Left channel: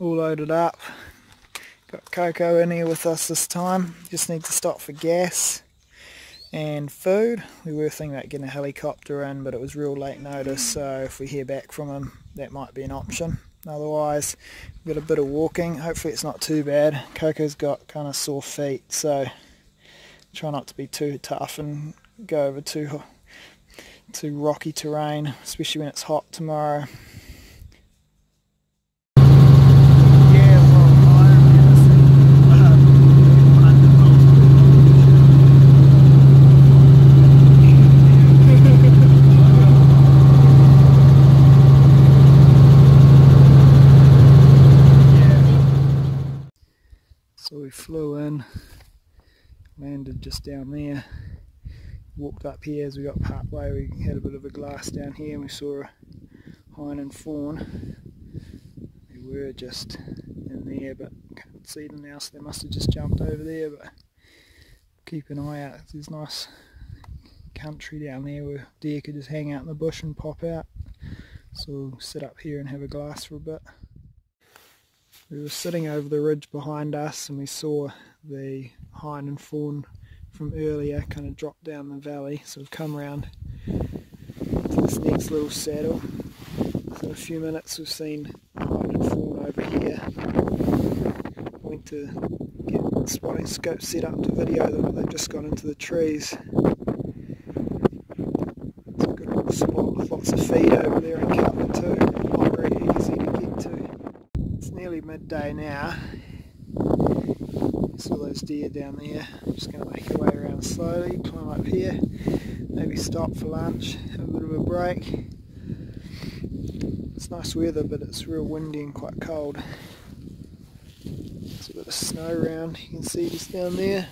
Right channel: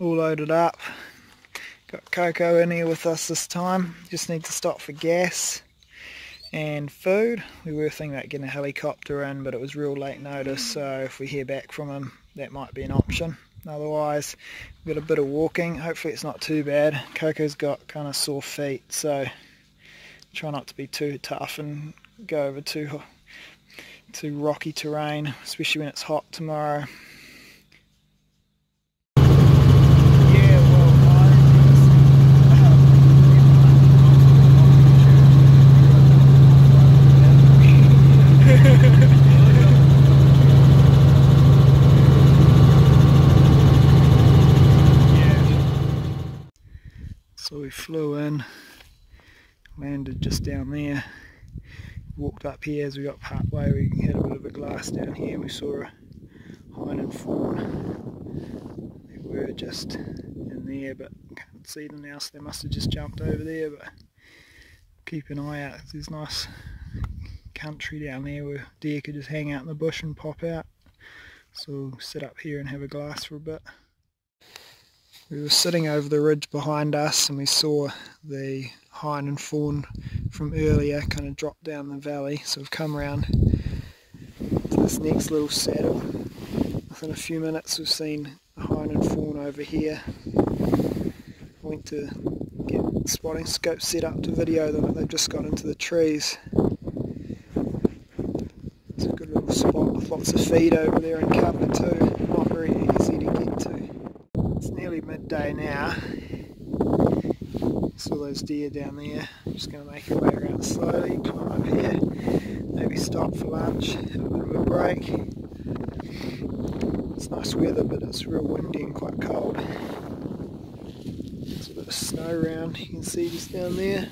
all loaded up. Got Coco in here with us this time. Just need to stop for gas and food. We were thinking about getting a helicopter in, but it was real late notice, so if we hear back from him, that might be an option. Otherwise, we've got a bit of walking. Hopefully it's not too bad. Coco's got kind of sore feet, so try not to be too tough and go over too rocky terrain, especially when it's hot tomorrow. So we flew in, landed just down there, walked up here. As we got part way, we had a bit of a glass down here and we saw a hind and fawn. They were just in there, but can't see them now, so they must have just jumped over there. But keep an eye out, there's nice country down there where deer could just hang out in the bush and pop out. So we'll sit up here and have a glass for a bit. We were sitting over the ridge behind us and we saw the hind and fawn from earlier kind of drop down the valley, so we've come around to this next little saddle. Within a few minutes we've seen hind and fawn over here. Went to get the spotting scope set up to video them, but they've just got into the trees. It's a good little spot with lots of feed over there and cover too, not very easy to get to. It's nearly midday now. Saw those deer down there. I'm just going to make our way around slowly, climb up here, maybe stop for lunch, have a bit of a break. It's nice weather, but it's real windy and quite cold. There's a bit of snow around, you can see just down there.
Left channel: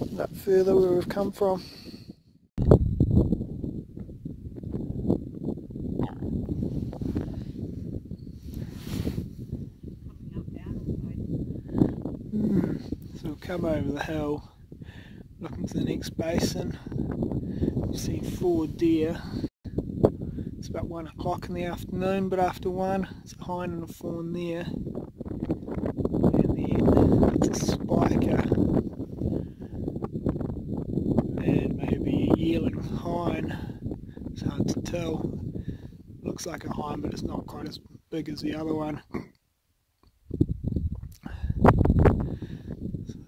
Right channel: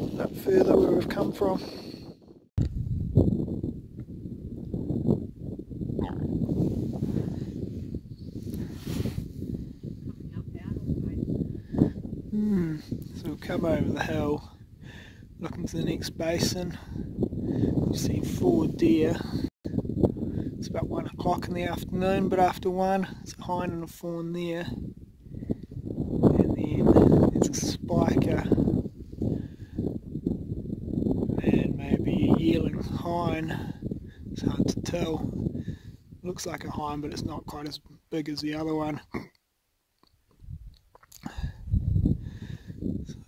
And up further where we've come from. So we'll come over the hill, looking to the next basin. You see 4 deer. It's about 1 o'clock in the afternoon, but after 1, there's a hind and a fawn there. And then there's a spiker and maybe a yearling hind. It's hard to tell. Looks like a hind, but it's not quite as big as the other one.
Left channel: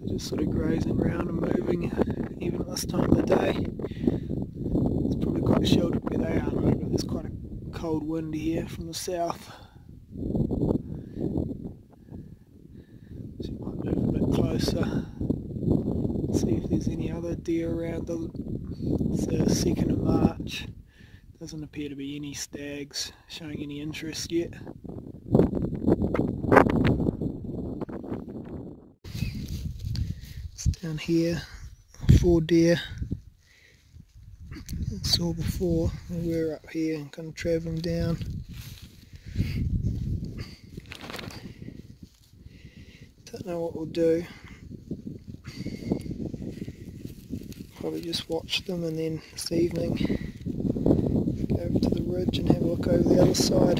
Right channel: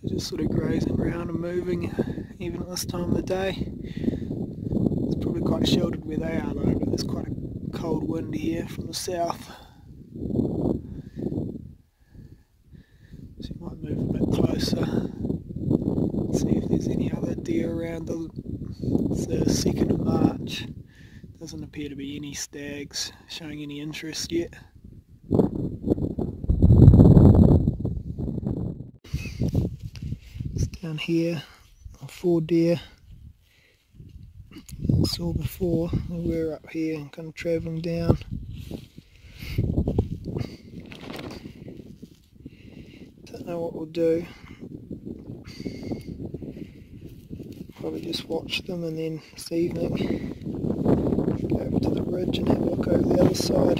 Just sort of grazing around and moving, even at this time of the day. It's probably quite sheltered where they are though, but there's quite a cold wind here from the south. So you might move a bit closer, see if there's any other deer around. It's the 2nd of March. Doesn't appear to be any stags showing any interest yet. Down here, 4 deer. Saw before, we were up here and kind of travelling down. Don't know what we'll do. Probably just watch them, and then this evening go over to the ridge and have a look over the other side.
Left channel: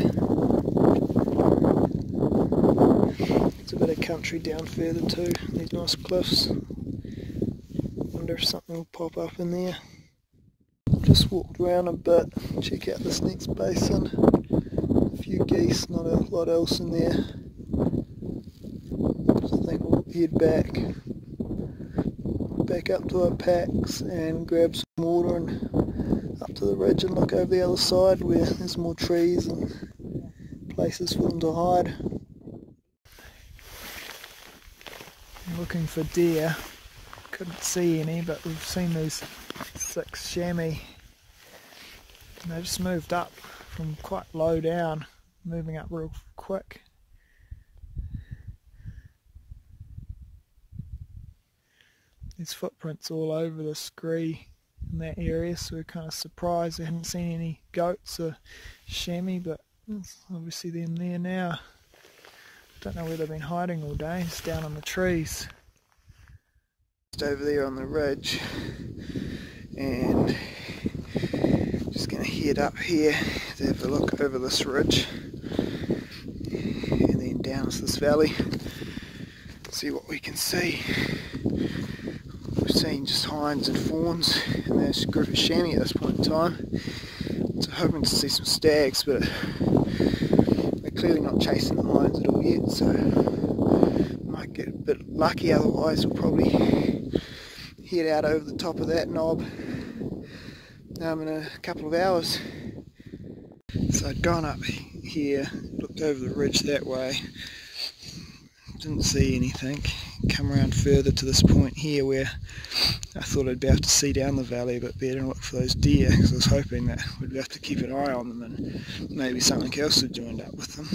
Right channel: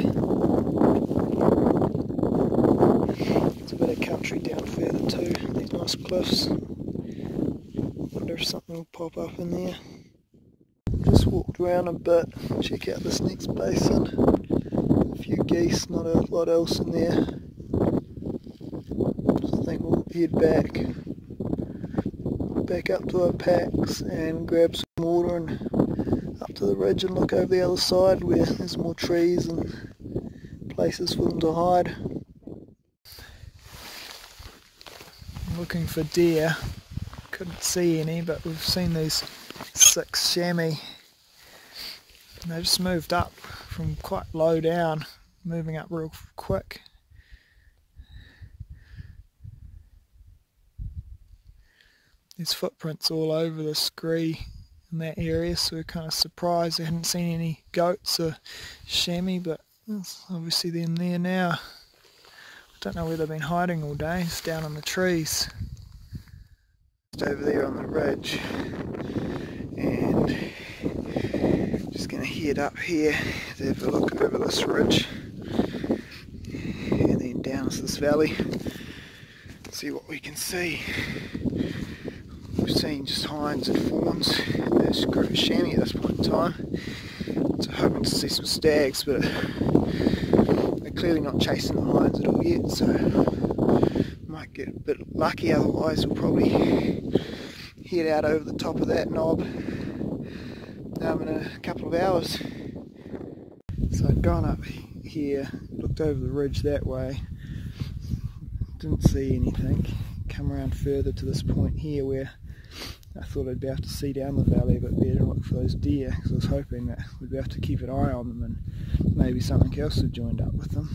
There's a bit of country down further too, these nice cliffs. Wonder if something will pop up in there. Just walked around a bit, check out this next basin. A few geese, not a lot else in there. So I think we'll head back up to our packs and grab some water and up to the ridge and look over the other side where there's more trees and places for them to hide. I'm looking for deer. Couldn't see any, but we've seen these 6 chamois. And they just moved up from quite low down, moving up real quick. There's footprints all over the scree in that area, so we're kind of surprised we hadn't seen any goats or chamois, but there's obviously them there now. I don't know where they've been hiding all day. It's down in the trees. Over there on the ridge, and just going to head up here to have a look over this ridge. down to this valley, see what we can see. We're seeing just hinds and fawns in this group of chamois at this point in time. So hoping to see some stags, but they're clearly not chasing the hinds at all yet, so might get a bit lucky, otherwise we'll probably head out over the top of that knob in a couple of hours. So I'd gone up here, looked over the ridge that way, didn't see anything, come around further to this point here where I thought I'd be able to see down the valley a bit better and look for those deer, because I was hoping that we'd be able to keep an eye on them and maybe something else had joined up with them.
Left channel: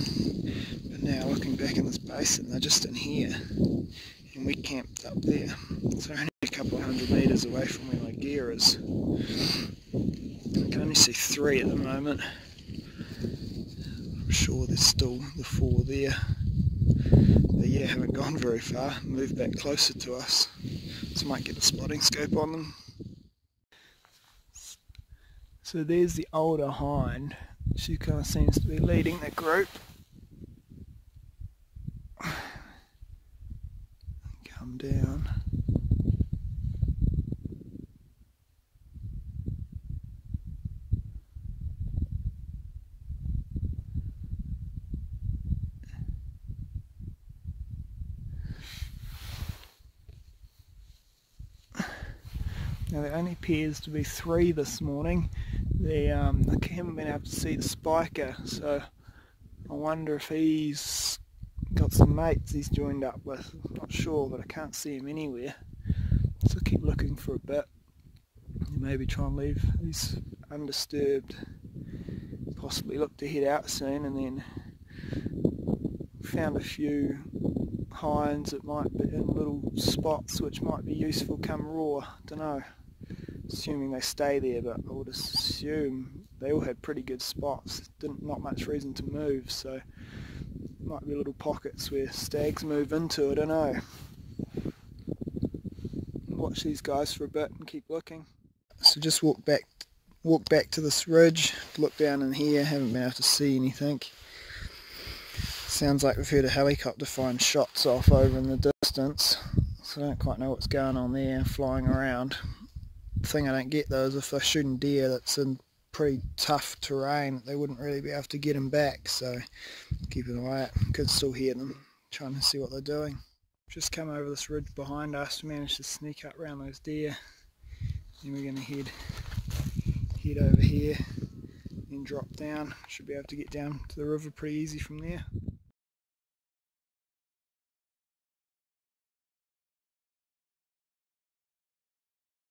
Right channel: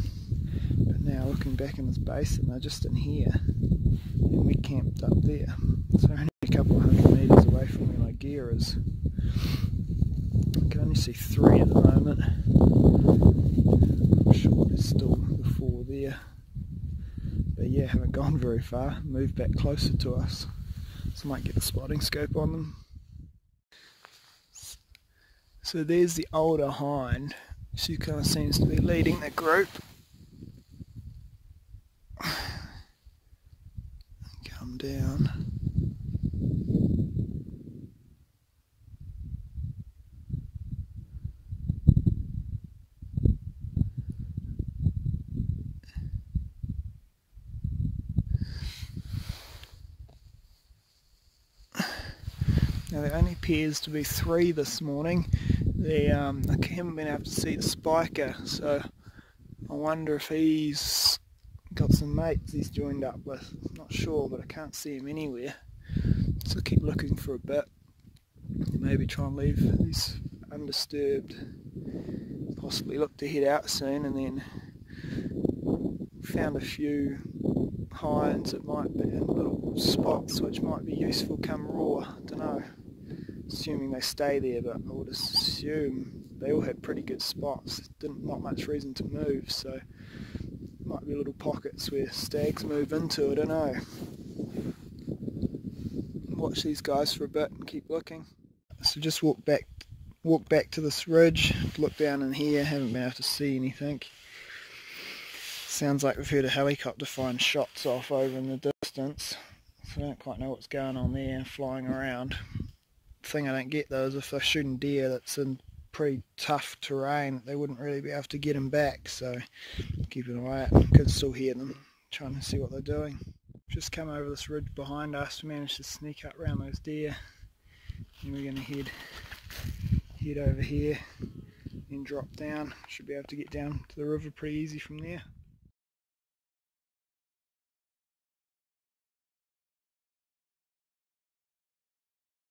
But now looking back in this basin, they're just in here and we camped up there. So only a couple of 100 metres away from where my gear is. I can only see 3 at the moment. I'm sure there's still the 4 there. But yeah, haven't gone very far, moved back closer to us. So I might get a spotting scope on them. So there's the older hind. She kind of seems to be leading the group. Come down. Now there only appears to be 3 this morning. I haven't been able to see the spiker, so I wonder if he's got some mates he's joined up with. I'm not sure, but I can't see him anywhere. So I'll keep looking for a bit. Maybe try and leave these undisturbed. Possibly look to head out soon, and then found a few hinds that might be in little spots which might be useful come raw. Don't know. Assuming they stay there, but I would assume they all had pretty good spots. Not much reason to move, so might be little pockets where stags move into. I don't know. Watch these guys for a bit and keep looking. So just walk back to this ridge, look down in here. Haven't been able to see anything. Sounds like we've heard a helicopter firing shots off over in the distance, so I don't quite know what's going on there, flying around. The thing I don't get though is if they're shooting deer that's in pretty tough terrain, they wouldn't really be able to get them back, so keep an eye out. Could still hear them, trying to see what they're doing. Just come over this ridge behind us, we managed to sneak up around those deer, and we're going to head over here and drop down. Should be able to get down to the river pretty easy from there.